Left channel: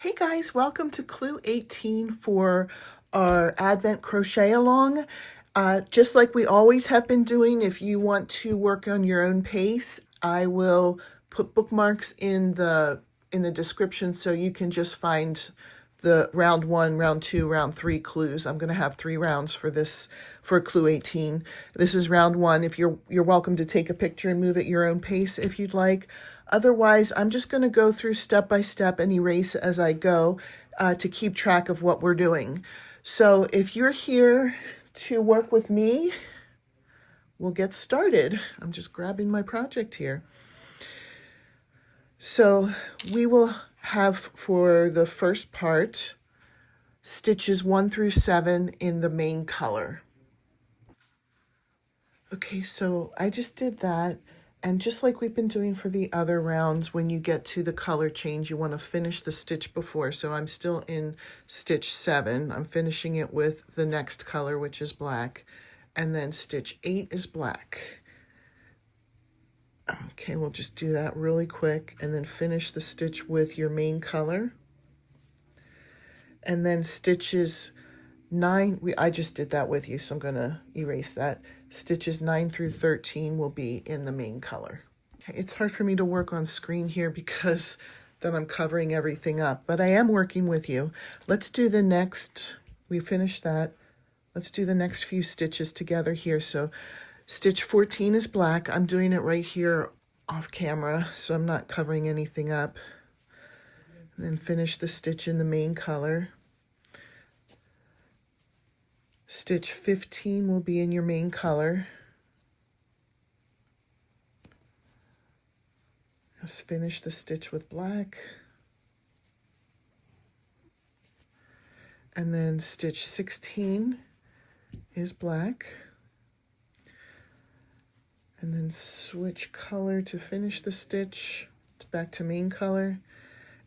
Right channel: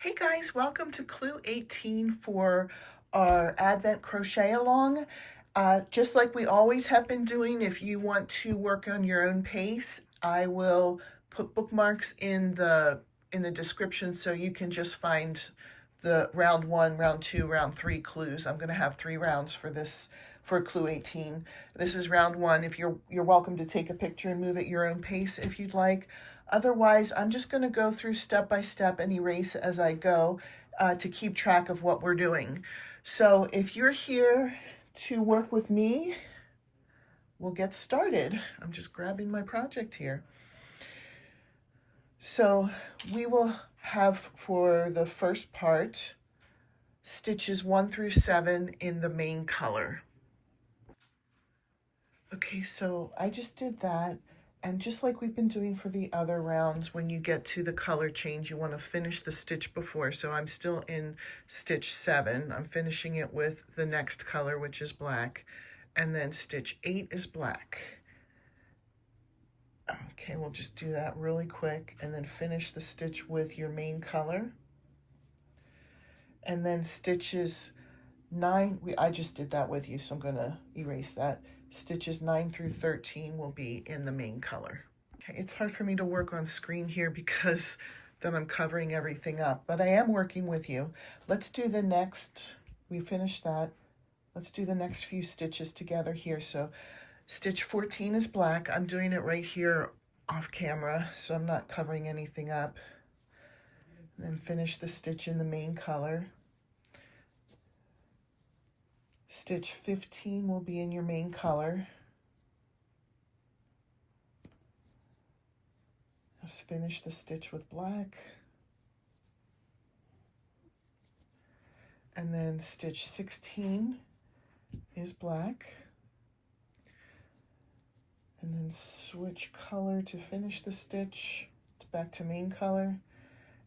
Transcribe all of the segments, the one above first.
Hey guys, welcome to Clue 18 for our Advent Crochet Along. Just like we always have been doing, if you want to work on your own pace, I will put bookmarks in the description so you can just find the round 1, round 2, round 3 clues. I'm going to have 3 rounds for this for Clue 18. This is round 1. If you're welcome to take a picture and move at your own pace if you'd like. Otherwise, I'm just going to go through step by step and erase as I go to keep track of what we're doing. So if you're here to work with me, we'll get started. I'm just grabbing my project here. So we will have for the first part stitches 1 through 7 in the main color. Okay, so I just did that. And just like we've been doing for the other rounds, when you get to the color change, you want to finish the stitch before. So I'm still in stitch 7. I'm finishing it with the next color, which is black. And then stitch 8 is black. Okay, we'll just do that really quick and then finish the stitch with your main color. And then stitches 9, I just did that with you, so I'm going to erase that. Stitches 9 through 13 will be in the main color. Okay, it's hard for me to work on screen here because then I'm covering everything up, but I am working with you. Let's do the next, we finished that. Let's do the next few stitches together here. So stitch 14 is black. I'm doing it right here off camera, so I'm not covering anything up. And then finish the stitch in the main color. Stitch 15 will be in your main color. Just finish the stitch with black. And then stitch 16 is black. And then switch color to finish the stitch back to main color.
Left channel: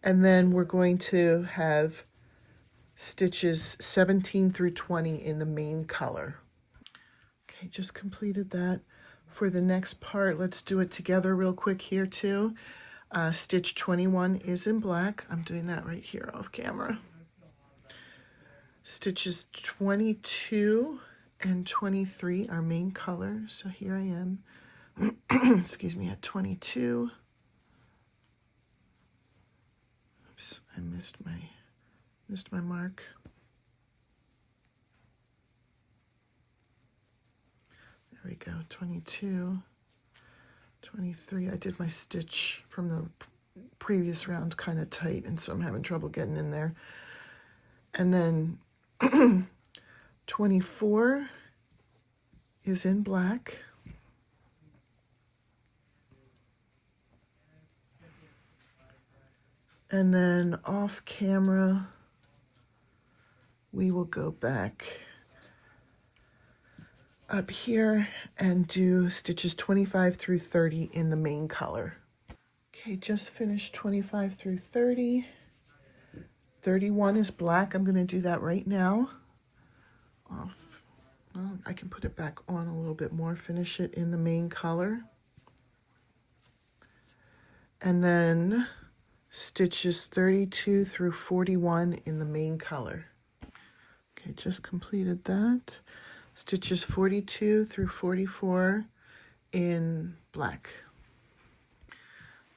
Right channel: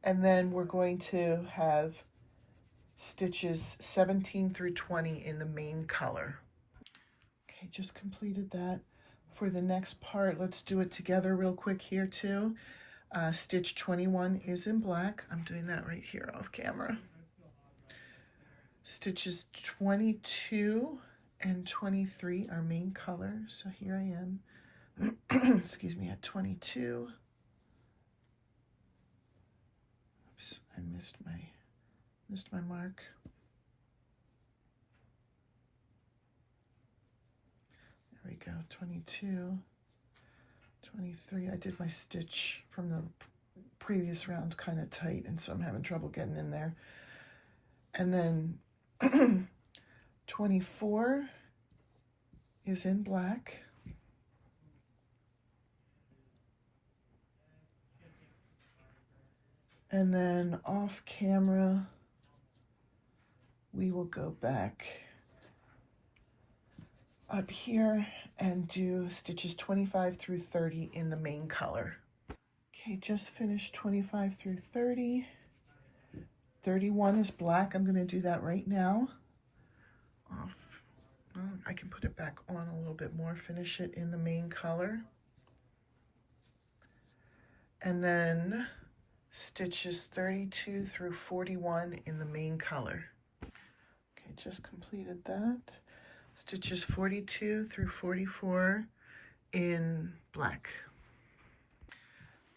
And then we're going to have stitches 17 through 20 in the main color. Okay, just completed that. For the next part, let's do it together real quick here too. Stitch 21 is in black. I'm doing that right here off camera. Stitches 22 and 23 are main color. So here I am, excuse me, at 22. Oops, I missed my mark. There we go, 22, 23. I did my stitch from the previous round kind of tight, and so I'm having trouble getting in there. And then 24 is in black. And then off camera, we will go back up here and do stitches 25 through 30 in the main color. Okay, just finished 25 through 30. 31 is black. I'm going to do that right now. Off. Well, I can put it back on a little bit more, finish it in the main color. And then stitches 32 through 41 in the main color. Okay, just completed that. Stitches 42 through 44 in black.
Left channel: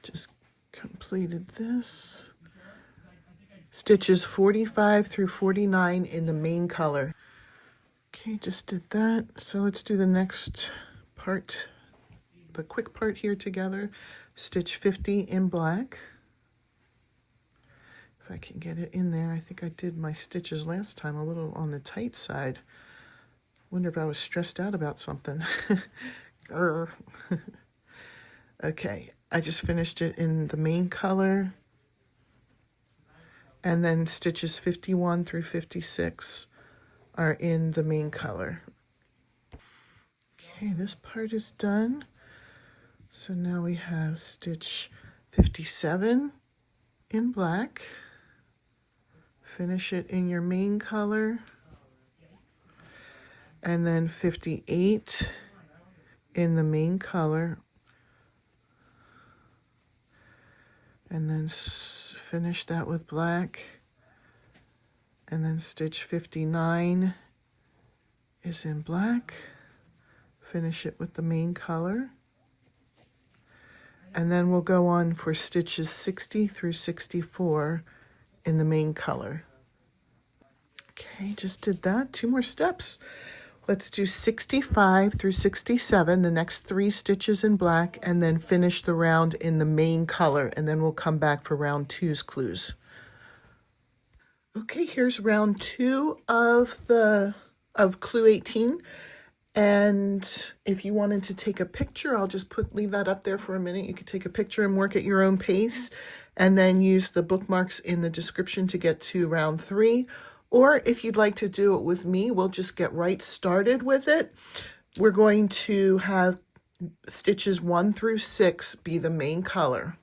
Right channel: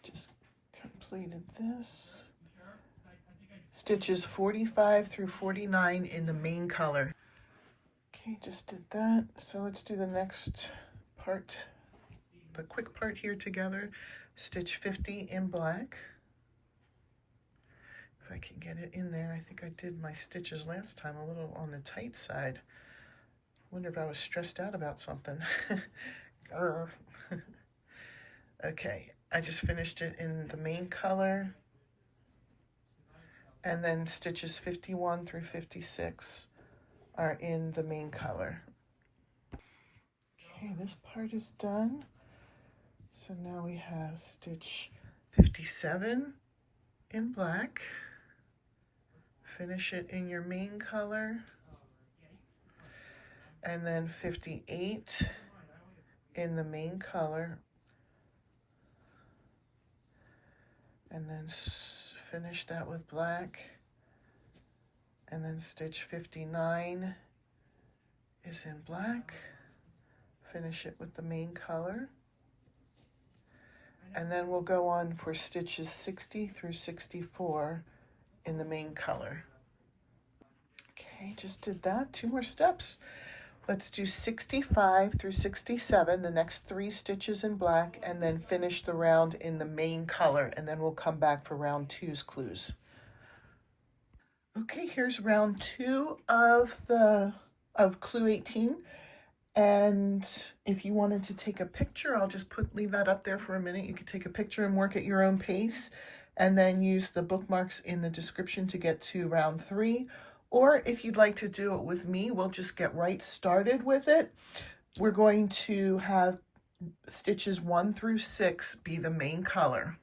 Just completed this. Stitches 45 through 49 in the main color. Okay, just did that. So let's do the next part, the quick part here together. Stitch 50 in black. If I can get it in there. I think I did my stitches last time a little on the tight side. Wonder if I was stressed out about something. Okay, I just finished it in the main color. And then stitches 51 through 56 are in the main color. Okay, this part is done. So now we have stitch 57 in black. Finish it in your main color. And then 58 in the main color. And then finish that with black, and then stitch 59 is in black, finish it with the main color, and then we'll go on for stitches 60 through 64 in the main color. Okay, just did that. 2 more steps. Let's do 65 through 67, the next 3 stitches in black, and then finish the round in the main color, and then we'll come back for round 2's clues. Okay, here's round 2 of clue 18. And if you wanted to take a picture, I'll just leave that up there for a minute. You could take a picture and work at your own pace, and then use the bookmarks in the description to get to round 3. Or if you'd like to do it with me, we'll just get right started with it. We're going to have stitches 1 through 6 be the main color.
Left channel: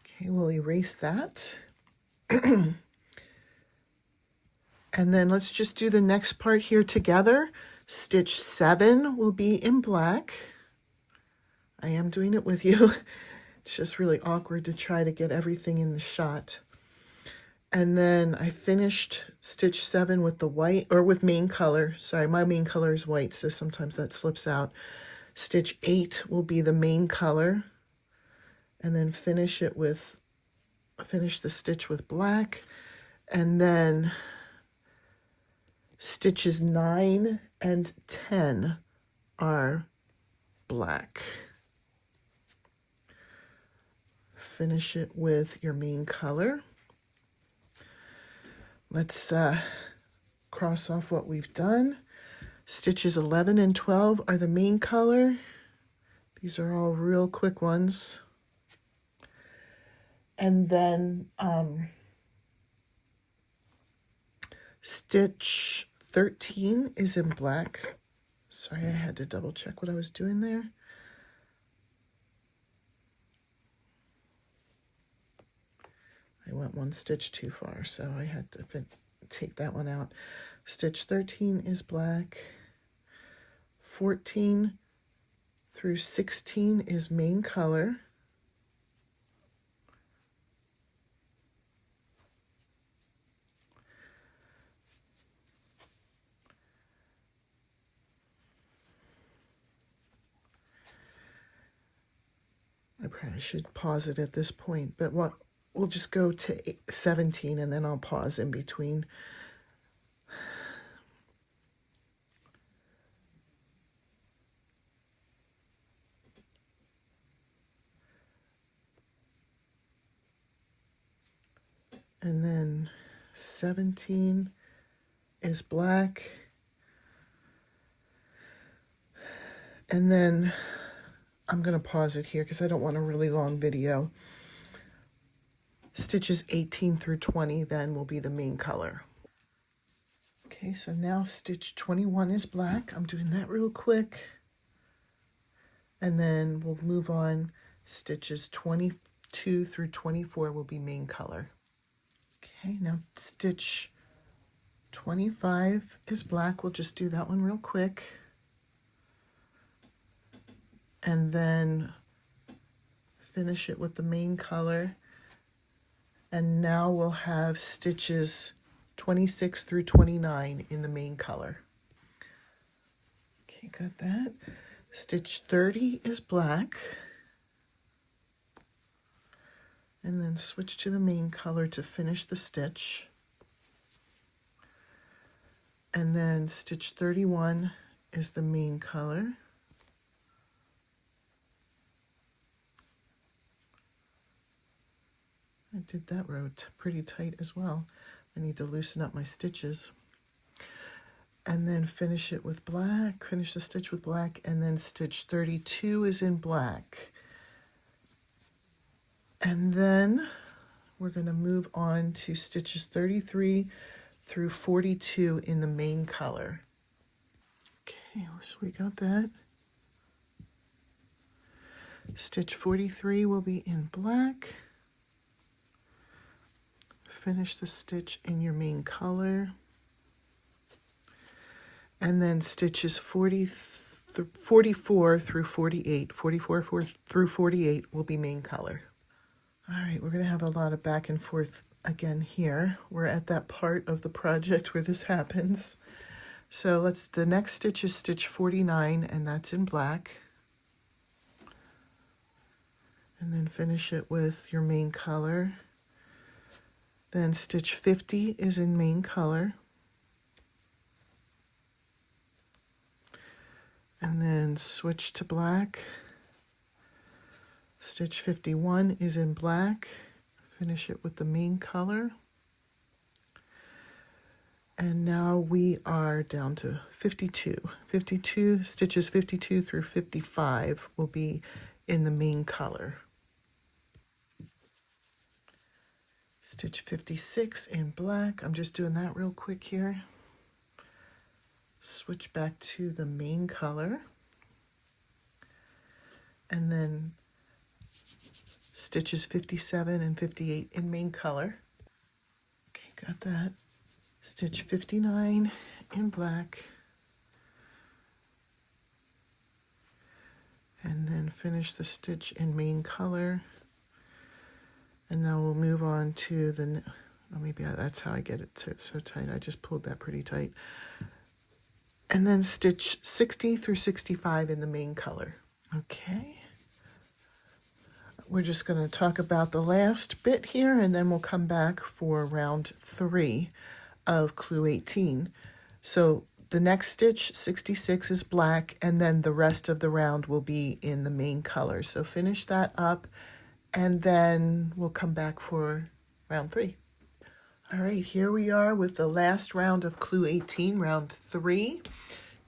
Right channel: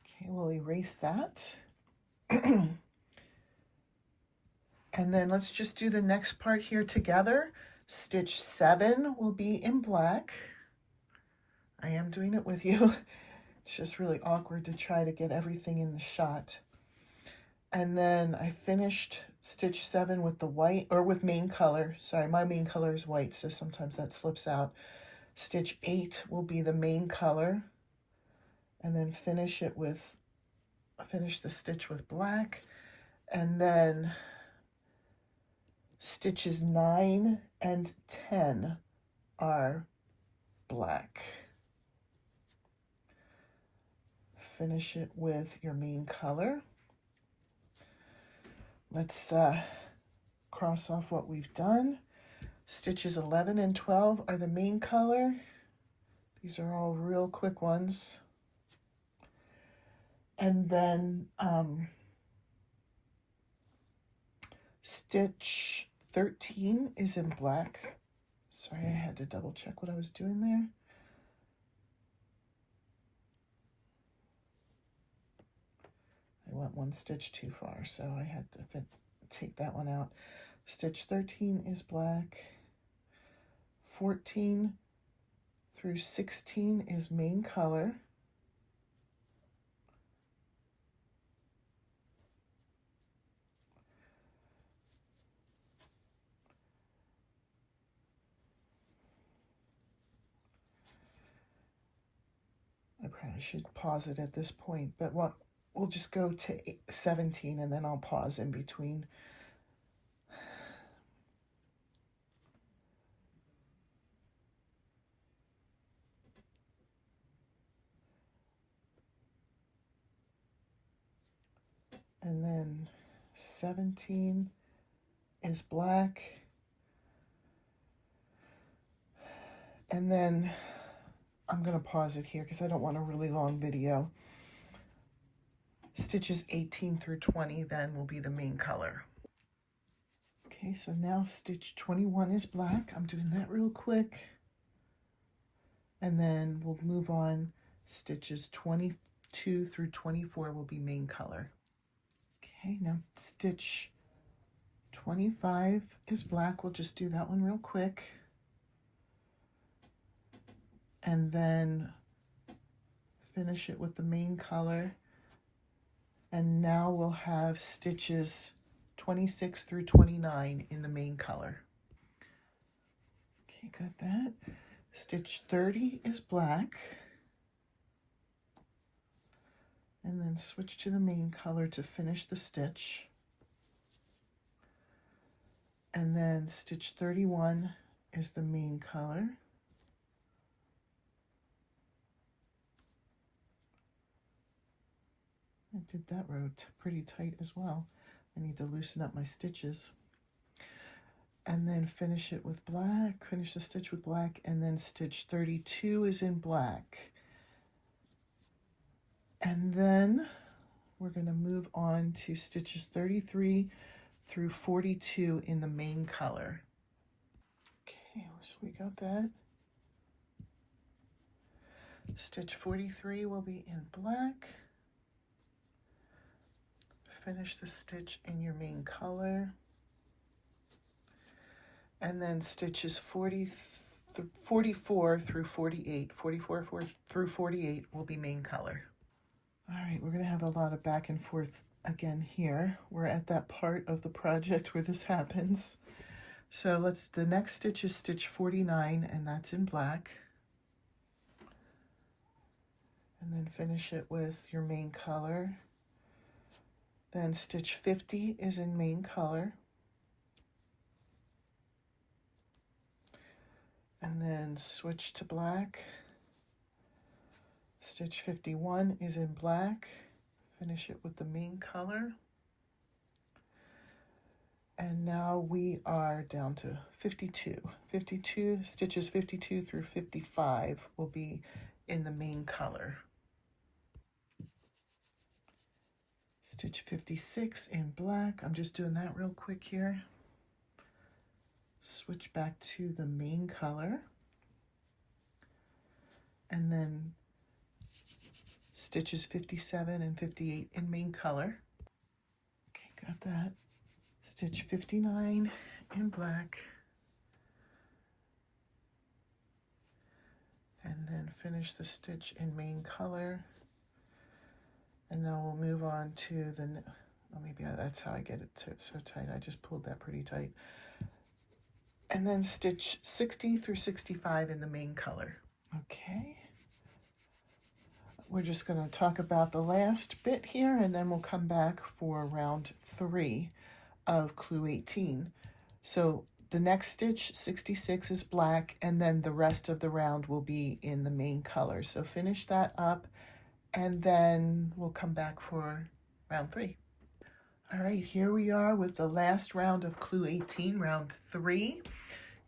Okay, we'll erase that. And then let's just do the next part here together. Stitch 7 will be in black. I am doing it with you. It's just really awkward to try to get everything in the shot. And then I finished stitch 7 with the white, or with main color. Sorry, my main color is white, so sometimes that slips out. Stitch 8 will be the main color. And then finish the stitch with black. And then stitches 9 and 10 are black. Finish it with your main color. Let's cross off what we've done. Stitches 11 and 12 are the main color. These are all real quick ones. And then stitch 13 is in black. Sorry, I had to double check what I was doing there. I went 1 stitch too far, so I had to take that one out. Stitch 13 is black. 14 through 16 is main color. I probably should pause it at this point, but we'll just go to 17 and then I'll pause in between. And then 17 is black. And then I'm going to pause it here because I don't want a really long video. Stitches 18 through 20 then will be the main color. Okay, so now stitch 21 is black. I'm doing that real quick. And then we'll move on. Stitches 22 through 24 will be main color. Okay, now stitch 25 is black. We'll just do that one real quick. And then finish it with the main color. And now we'll have stitches 26 through 29 in the main color. Okay, got that. Stitch 30 is black. And then switch to the main color to finish the stitch. And then stitch 31 is the main color. I did that row pretty tight as well. I need to loosen up my stitches. And then finish it with black, finish the stitch with black, and then stitch 32 is in black. And then we're going to move on to stitches 33 through 42 in the main color. Okay, so we got that. Stitch 43 will be in black. Finish the stitch in your main color. And then stitches 44 through 48. 44 through 48 will be main color. All right, we're going to have a lot of back and forth again here. We're at that part of the project where this happens. So the next stitch is stitch 49, and that's in black. And then finish it with your main color. Then stitch 50 is in main color. And then switch to black. Stitch 51 is in black. Finish it with the main color. And now we are down to 52. 52 stitches 52 through 55 will be in the main color. Stitch 56 in black. I'm just doing that real quick here. Switch back to the main color. And then stitches 57 and 58 in main color. Okay, got that. Stitch 59 in black. And then finish the stitch in main color. And now we'll move on to the, maybe that's how I get it so tight. I just pulled that pretty tight. And then stitch 60 through 65 in the main color. Okay. We're just going to talk about the last bit here, and then we'll come back for round 3 of Clue 18. So the next stitch, 66, is black, and then the rest of the round will be in the main color. So finish that up, and then we'll come back for round 3. All right, here we are with the last round of Clue 18, round 3.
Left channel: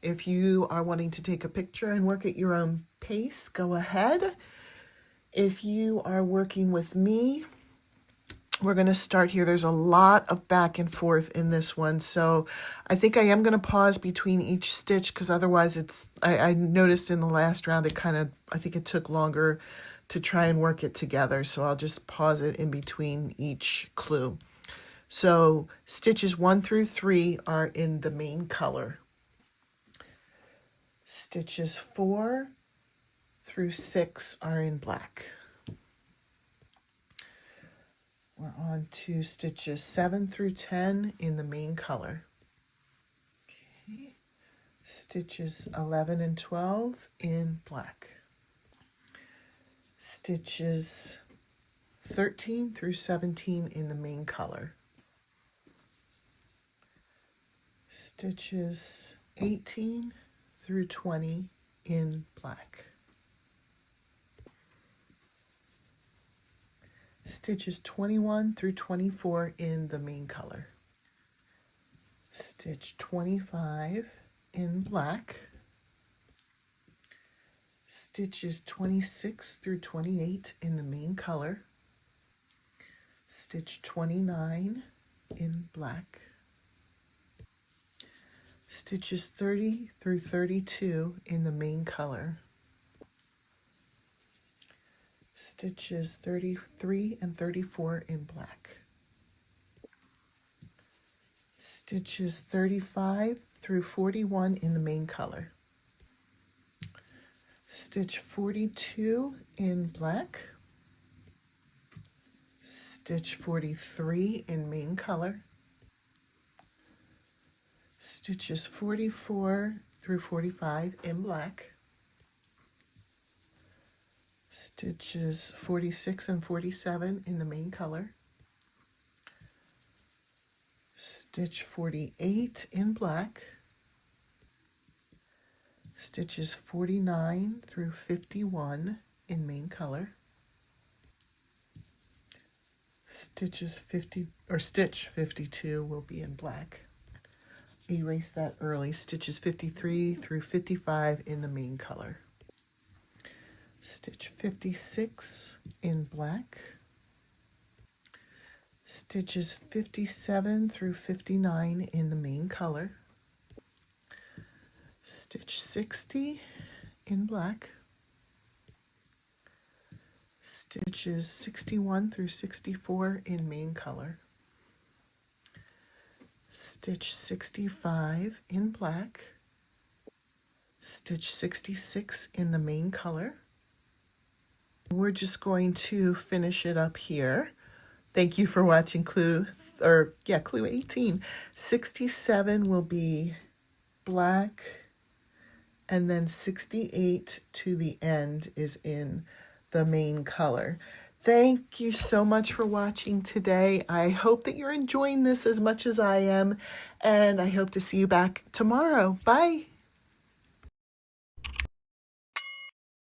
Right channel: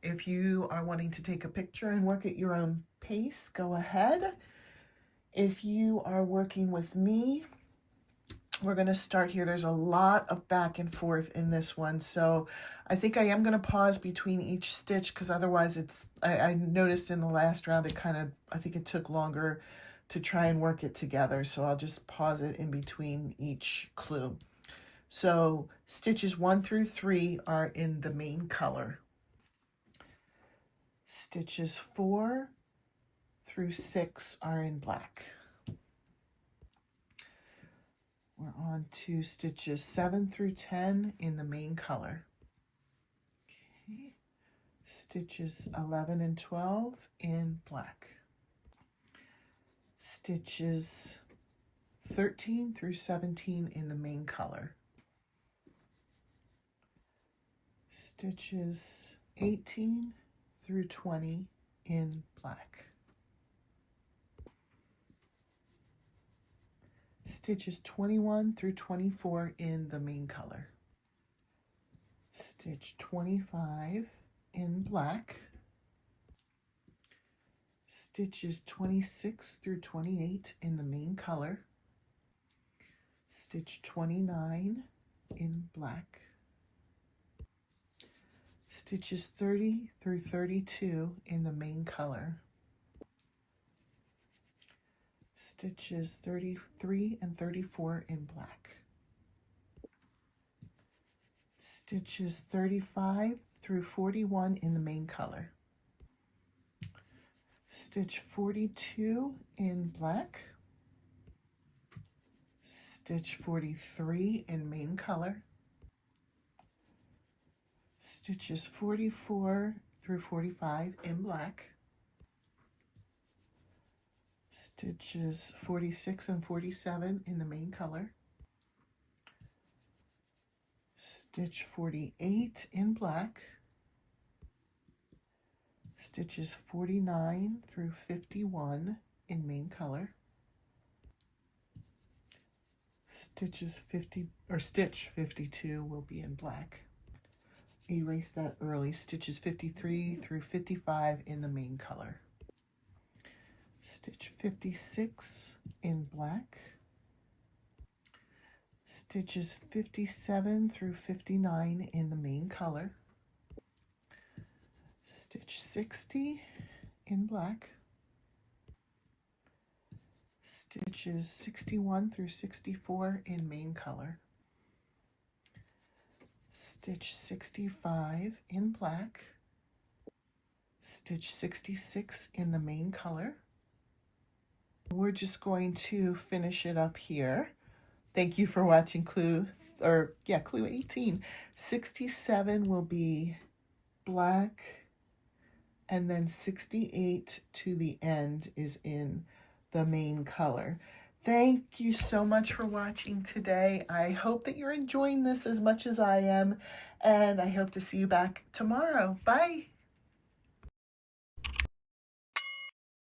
If you are wanting to take a picture and work at your own pace, go ahead. If you are working with me, we're going to start here. There's a lot of back and forth in this one, so I think I am going to pause between each stitch, because otherwise I noticed in the last round I think it took longer to try and work it together, so I'll just pause it in between each clue. So stitches 1 through 3 are in the main color. Stitches 4 through 6 are in black. We're on to stitches 7 through 10 in the main color. Okay. Stitches 11 and 12 in black. Stitches 13 through 17 in the main color. Stitches 18 through 20 in black. Stitches 21 through 24 in the main color. Stitch 25 in black. Stitches 26 through 28 in the main color. Stitch 29 in black. Stitches 30 through 32 in the main color. Stitches 33 and 34 in black. Stitches 35 through 41 in the main color. Stitch 42 in black. Stitch 43 in main color. Stitches 44 through 45 in black. Stitches 46 and 47 in the main color. Stitch 48 in black. Stitches 49 through 51 in main color. Stitch 52 will be in black. Erase that early. Stitches 53 through 55 in the main color. Stitch 56 in black. Stitches 57 through 59 in the main color. Stitch 60 in black. Stitches 61 through 64 in main color. Stitch 65 in black. Stitch 66 in the main color. We're just going to finish it up here. Thank you for watching clue 18. 67 will be black, and then 68 to the end is in the main color. Thank you so much for watching today. I hope that you're enjoying this as much as I am, and I hope to see you back tomorrow. Bye.